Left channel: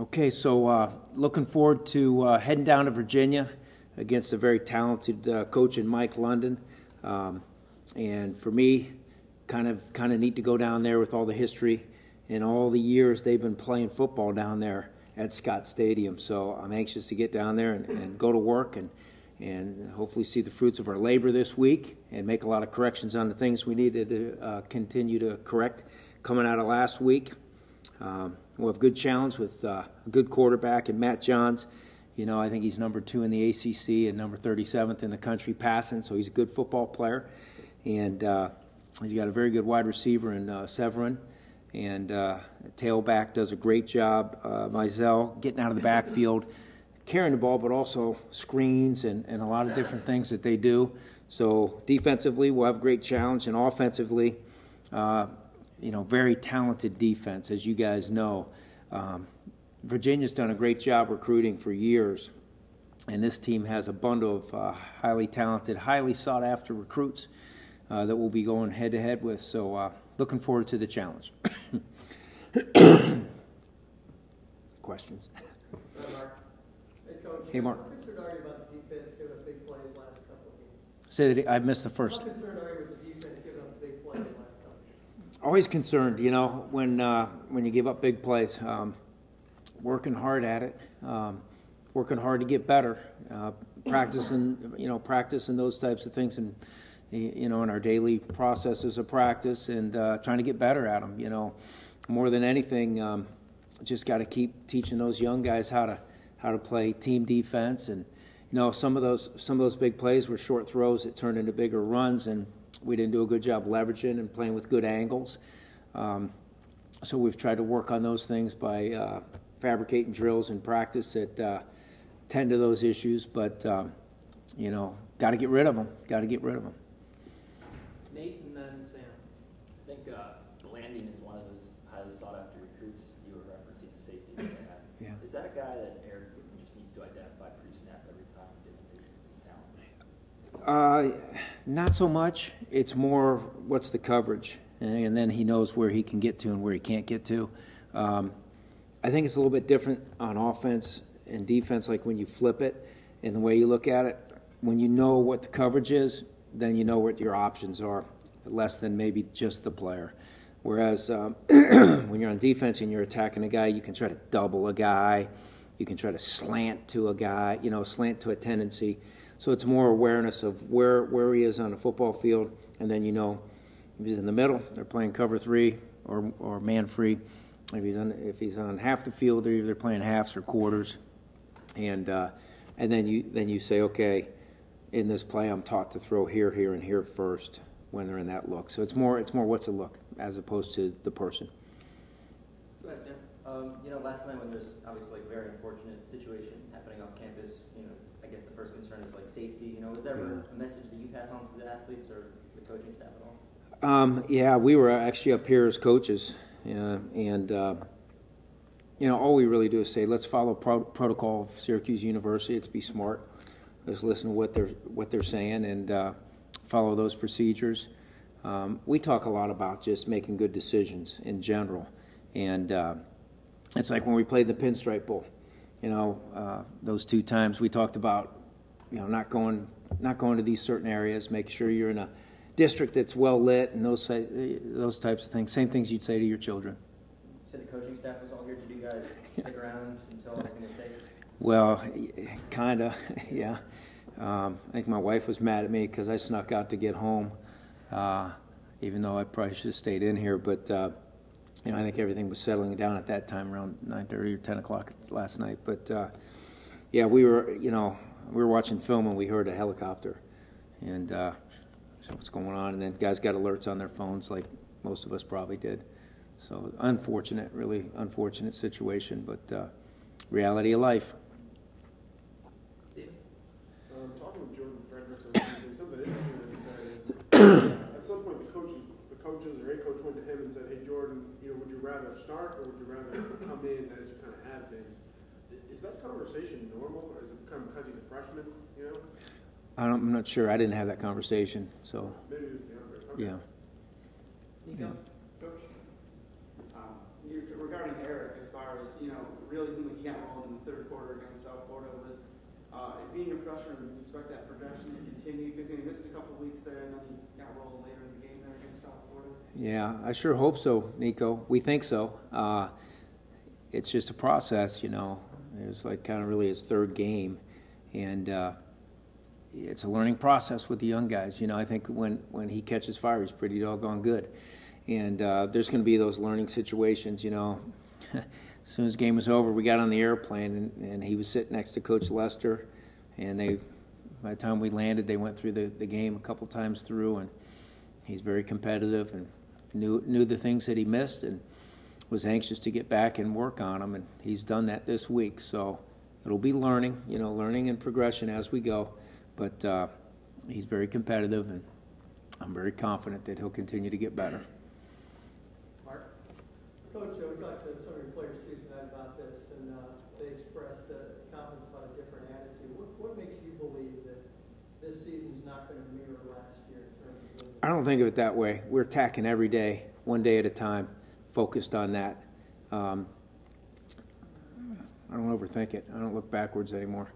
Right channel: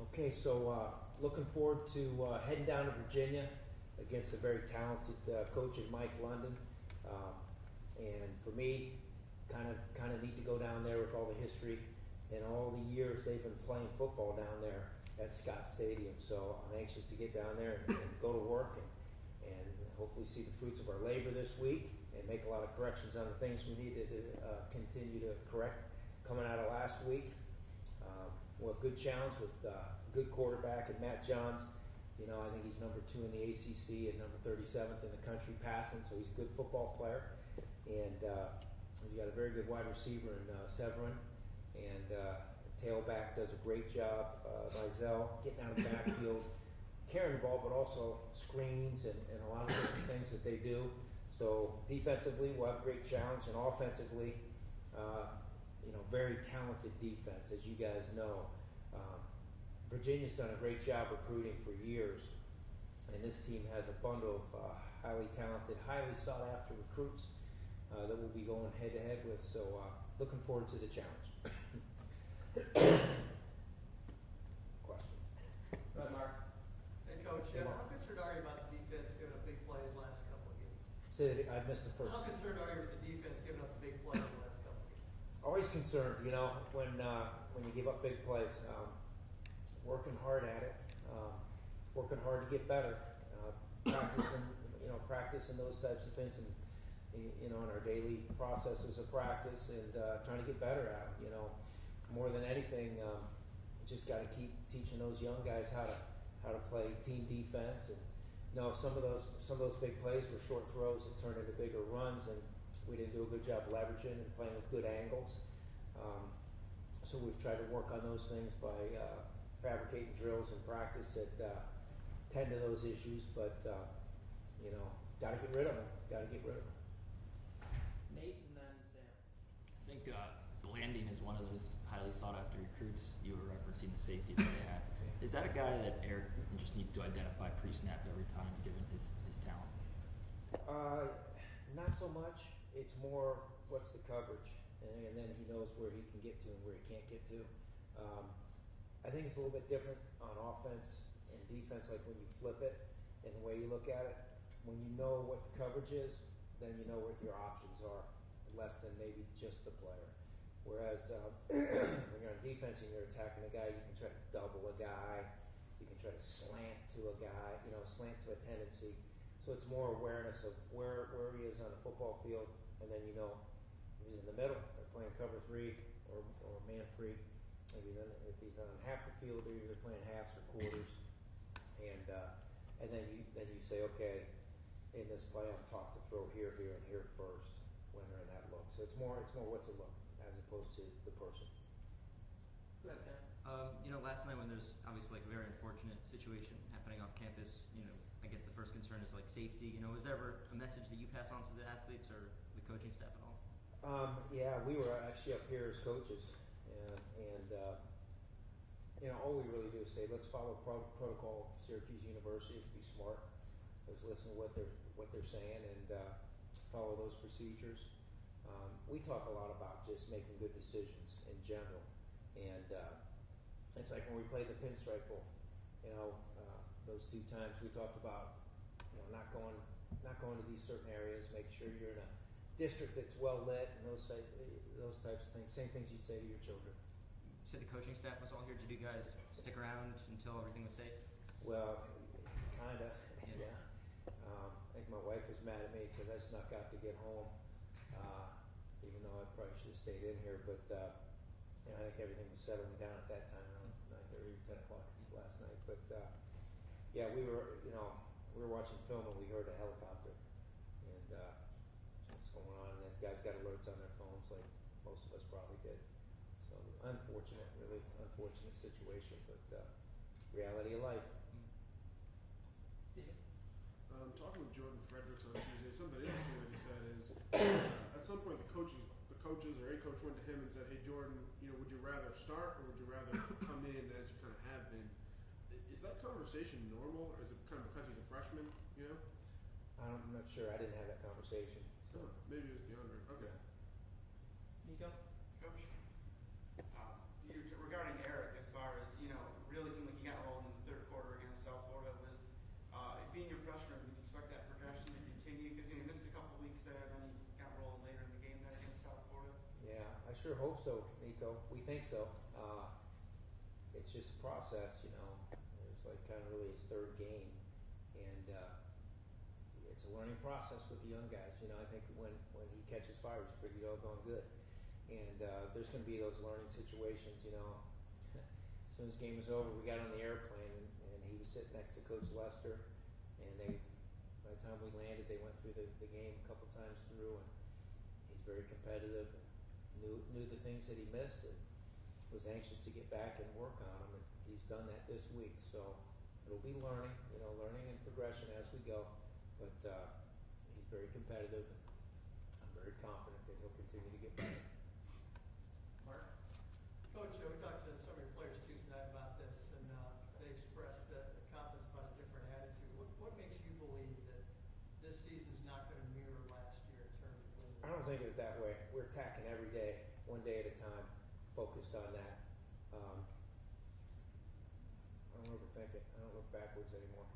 Okay, so looking forward to heading down to Virginia against a very talented coach in Mike London. And for me, kind of neat to go down there with all the history and all the years they've been playing football down there at Scott Stadium. So I'm anxious to get down there and go to work and hopefully see the fruits of our labor this week and make a lot of corrections on the things we needed to continue to correct coming out of last week. We'll have a good challenge with a good quarterback and Matt Johns. You know, I think he's number 2 in the ACC and number 37th in the country passing, so he's a good football player. And he's got a very good wide receiver in Severin. And tailback does a great job, Mizell, getting out of the backfield, carrying the ball, but also screens and a lot of different things that they do. So defensively, we'll have a great challenge, and offensively, you know, very talented defense, as you guys know. Virginia's done a great job recruiting for years, and this team has a bundle of highly talented, highly sought-after recruits that we'll be going head-to-head with. So looking forward to the challenge. Questions? Mark. Hey, Coach. Hey, Mark. How concerned are you about the defense giving up big plays last couple of games? Say that I missed the first. How concerned are you with the defense giving up big plays last couple of games? Always concerned, you know, when you give up big plays. Working hard at it, working hard to get better, practicing those types of things, and you know, in our daily processes of practice, and trying to get better at them. You know, more than anything, just got to keep teaching those young guys how to play team defense. And you know, some of those big plays were short throws that turned into bigger runs, and we didn't do a good job leveraging and playing with good angles. So we've tried to work on those things by fabricating drills in practice that tend to those issues, but you know, got to get rid of them. Nate and then Sam. I think Blanding is one of those highly sought-after recruits. You were referencing the safety that they have. Yeah. Is that a guy that Eric just needs to identify pre-snap every time, given his talent? Not so much. It's more what's the coverage, and then he knows where he can get to and where he can't get to. I think it's a little bit different on offense and defense, like when you flip it and the way you look at it. When you know what the coverage is, then you know what your options are, less than maybe just the player. Whereas when you're on defense and you're attacking a guy, you can try to double a guy. You can try to slant to a guy, you know, slant to a tendency. So it's more awareness of where he is on the football field, and then you know if he's in the middle, they're playing cover 3 or man free. If he's on half the field, they're either playing halves or quarters, and then you say, okay, in this play, I'm taught to throw here, here, and here first when they're in that look. So it's more what's the look as opposed to the person. Go ahead, Sam. You know, last night when there's obviously like a very unfortunate situation happening off campus, you know, I guess the first concern is like safety. You know, was there ever a message that you pass on to the athletes or the coaching staff at all? Yeah, we were actually up here as coaches. And you know, all we really do is say, let's follow protocol of Syracuse University. Let's be smart. Let's listen to what they're saying and follow those procedures. We talk a lot about just making good decisions in general, and it's like when we played the Pinstripe Bowl. You know, those 2 times we talked about, you know, not going to these certain areas, making sure you're in a district that's well lit, and those types of things. Same things you'd say to your children. You said the coaching staff was all here. Did you guys stick around until everything was safe? Well, kind of, yeah. I think my wife was mad at me because I snuck out to get home, even though I probably should have stayed in here. But you know, I think everything was settling down at that time, around 9:30 or 10 o'clock last night. But yeah, we were watching film and we heard a helicopter, and so what's going on? And then guys got alerts on their phones, like most of us probably did. So unfortunate, really unfortunate situation, but reality of life. Talking with Jordan Fredericks on Tuesday, something interesting that he said is at some point the coaches or a coach went to him and said, "Hey Jordan, you know, would you rather start or would you rather come in as you kind of have been?" Is that conversation normal, or is it kind of because he's a freshman? You know, I'm not sure. I didn't have that conversation, so maybe he was younger. Okay. yeah. Nico? Coach, regarding Eric, as far as, you know, really seemed like he got rolled in the third quarter against South Florida. Was being a freshman, would you expect that progression to continue? Because he missed a couple of weeks there, and then he got rolled later in the game there against South Florida. Yeah, I sure hope so, Nico. We think so. It's just a process, you know. It's like kind of really his third game, and it's a learning process with the young guys. You know, I think when he catches fire, he's pretty doggone good. And there's going to be those learning situations, you know. As soon as the game was over, we got on the airplane, and he was sitting next to Coach Lester, and by the time we landed, they went through the game a couple times through, and he's very competitive and knew the things that he missed and was anxious to get back and work on them, and he's done that this week. So it'll be learning and progression as we go, but he's very competitive, and I'm very confident that he'll continue to get better. Mark? Coach, we talked to some of your players Tuesday night about this, and they expressed confidence about a different attitude. What makes you believe that this season's not going to mirror last year in terms of winning? I don't think of it that way. We're attacking every day, one day at a time, focused on that. I don't overthink it. I don't look backwards anymore.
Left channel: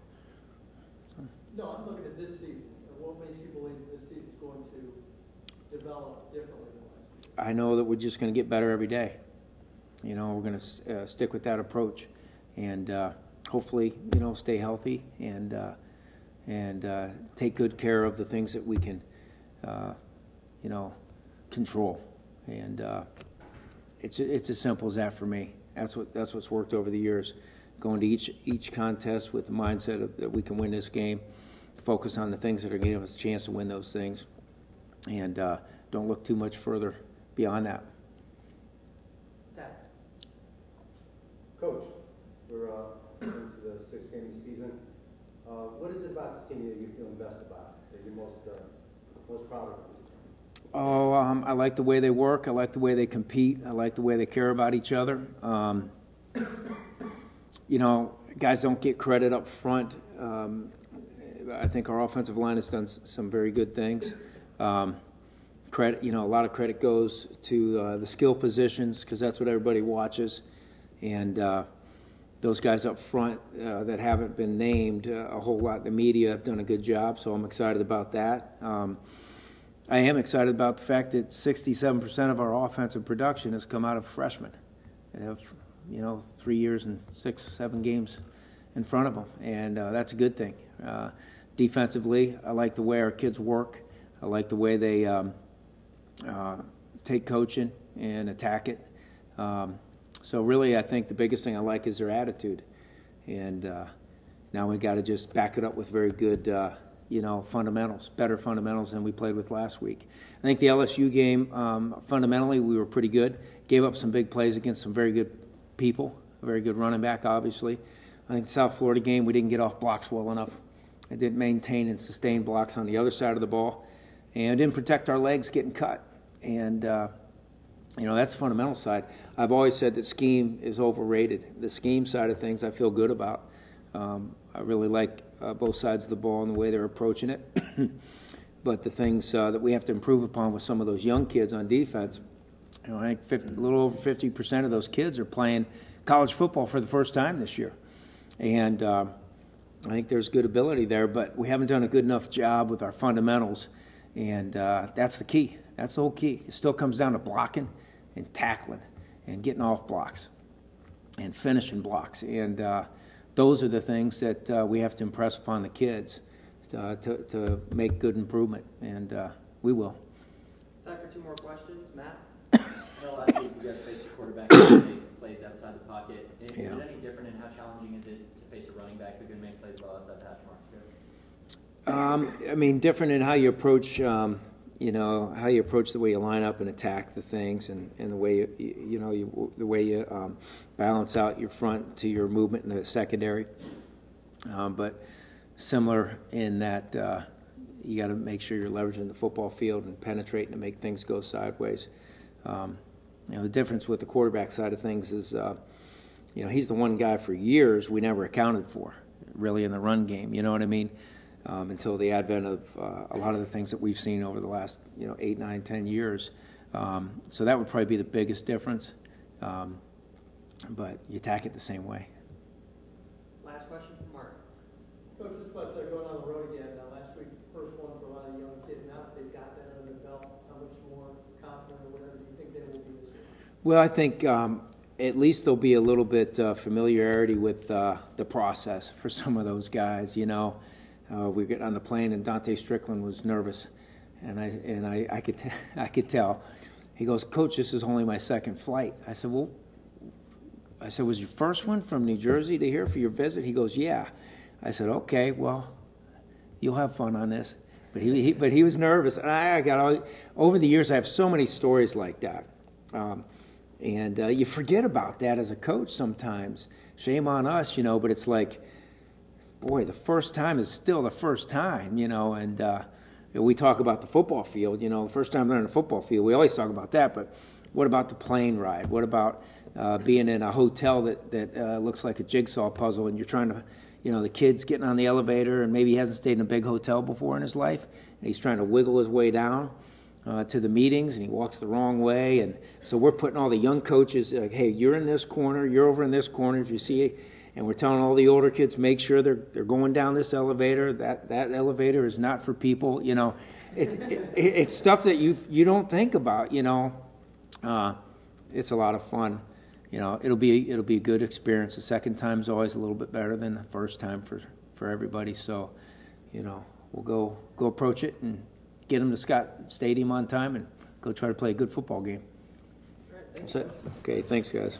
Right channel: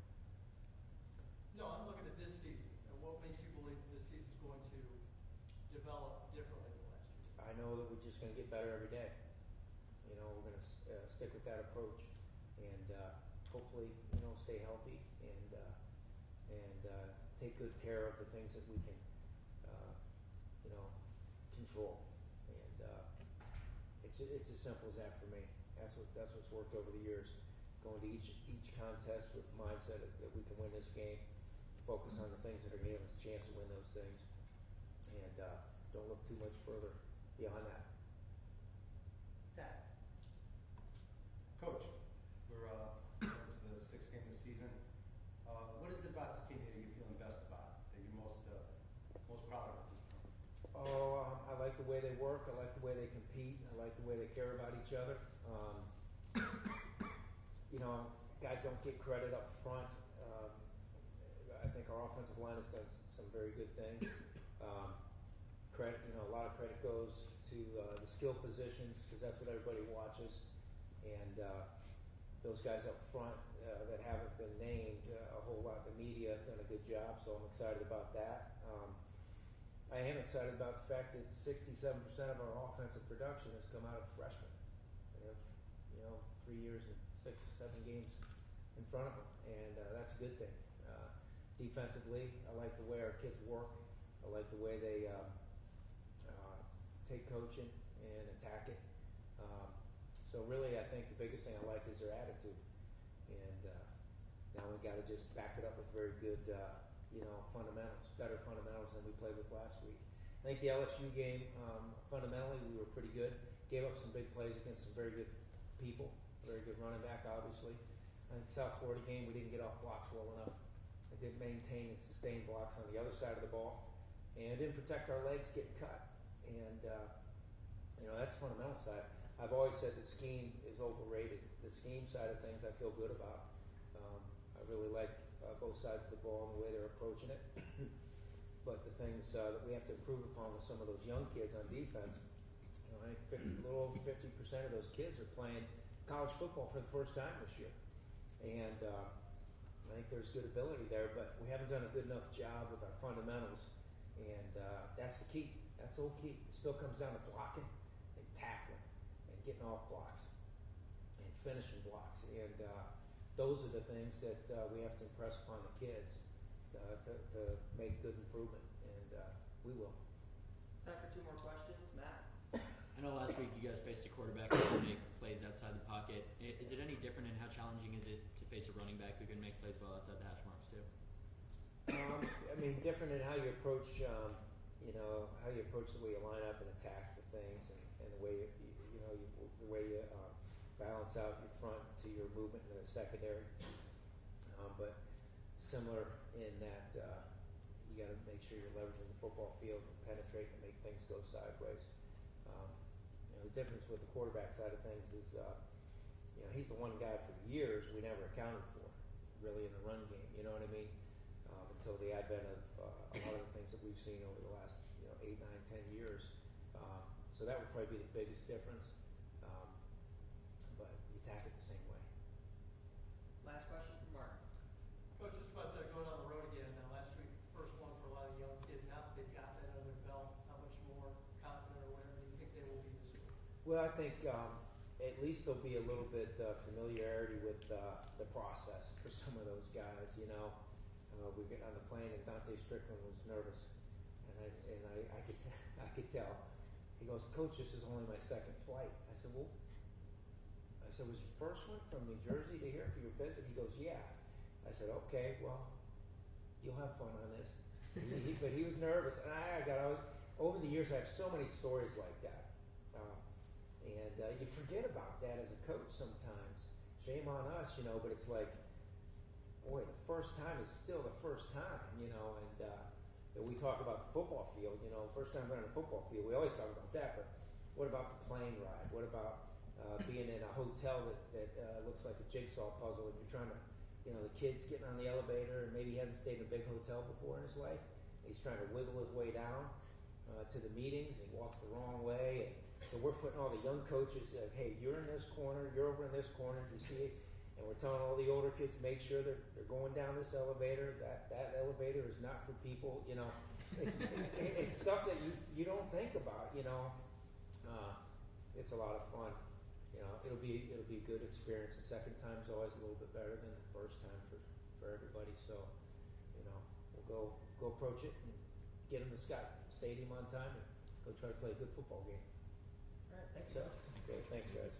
No, I'm looking at this season. What makes you believe that this season's going to develop differently than last year? I know that we're just going to get better every day. You know, we're going to stick with that approach, and hopefully, you know, stay healthy and take good care of the things that we can, you know, control. And it's as simple as that for me. That's what's worked over the years. Going to each contest with the mindset that we can win this game, focus on the things that are going to give us a chance to win those things, and don't look too much further beyond that. Coach, we're into the sixth game of the season. What is it about this team that you're feeling best about, that you're most proud of? Oh, I like the way they work. I like the way they compete. I like the way they care about each other. You know, guys don't get credit up front. I think our offensive line has done some very good things. Credit, you know, a lot of credit goes to the skill positions because that's what everybody watches. And those guys up front that haven't been named a whole lot, the media have done a good job, so I'm excited about that. I am excited about the fact that 67% of our offensive production has come out of freshmen that have, you know, 3 years and 6-7 games in front of them, and that's a good thing. Defensively, I like the way our kids work. I like the way they take coaching and attack it. So really, I think the biggest thing I like is their attitude, and now we got to just back it up with very good, you know, fundamentals, better fundamentals than we played with last week. I think the LSU game, fundamentally, we were pretty good. Gave up some big plays against some very good people, a very good running back, obviously. I think the South Florida game, we didn't get off blocks well enough. I didn't maintain and sustain blocks on the other side of the ball, and didn't protect our legs getting cut. And you know, that's the fundamental side. I've always said that scheme is overrated. The scheme side of things I feel good about. I really like both sides of the ball and the way they're approaching it. But the things that we have to improve upon with some of those young kids on defense, you know, I think a little over 50% of those kids are playing college football for the first time this year. And I think there's good ability there, but we haven't done a good enough job with our fundamentals. And that's the key. That's the whole key. It still comes down to blocking and tackling and getting off blocks and finishing blocks. And those are the things that we have to impress upon the kids to make good improvement, and we will. Time for 2 more questions. Matt? No, last week you guys faced a quarterback who make plays outside the pocket. Is it any different in how challenging is it to face a running back who can make plays well outside the hash marks too? I mean, different in how you approach, you know, how you approach the way you line up and attack the things, and the way the way you balance out your front to your movement in the secondary. But similar in that you got to make sure you're leveraging the football field and penetrating to make things go sideways. You know, the difference with the quarterback side of things is, you know, he's the one guy for years we never accounted for, really, in the run game. You know what I mean? Until the advent of a lot of the things that we've seen over the last, you know, 8, 9, 10 years. So that would probably be the biggest difference. But you attack it the same way. Coach, just about going on the road again. Last week, first one for a lot of young kids. Now that they've got that under their belt, how much more confident or whatever do you think they will be this year? Well, I think at least there'll be a little bit familiarity with the process for some of those guys. You know, we get on the plane and Dante Strickland was nervous, and I could tell. He goes, "Coach, this is only my second flight." I said, "Well," "was your first one from New Jersey to here for your visit?" He goes, "Yeah." I said, "Okay, well, you'll have fun on this." But he was nervous. And I got over the years, I have so many stories like that. And you forget about that as a coach sometimes. Shame on us, you know, but it's like, boy, the first time is still the first time, you know, and we talk about the football field, you know, the first time they're on the football field, we always talk about that, but what about the plane ride? What about being in a hotel that looks like a jigsaw puzzle and you're trying to, you know, the kid's getting on the elevator and maybe he hasn't stayed in a big hotel before in his life, and he's trying to wiggle his way down to the meetings, and he walks the wrong way. And so we're putting all the young coaches, like, hey, you're in this corner, you're over in this corner if you see it. And we're telling all the older kids, make sure they're going down this elevator. That elevator is not for people, you know. It's stuff that you don't think about, you know. It's a lot of fun. You know, it'll be a good experience. The second time's always a little bit better than the first time for everybody. So, you know, we'll go approach it and get them to Scott Stadium on time and go try to play a good football game. All right, thanks. That's it. Okay, thanks, guys.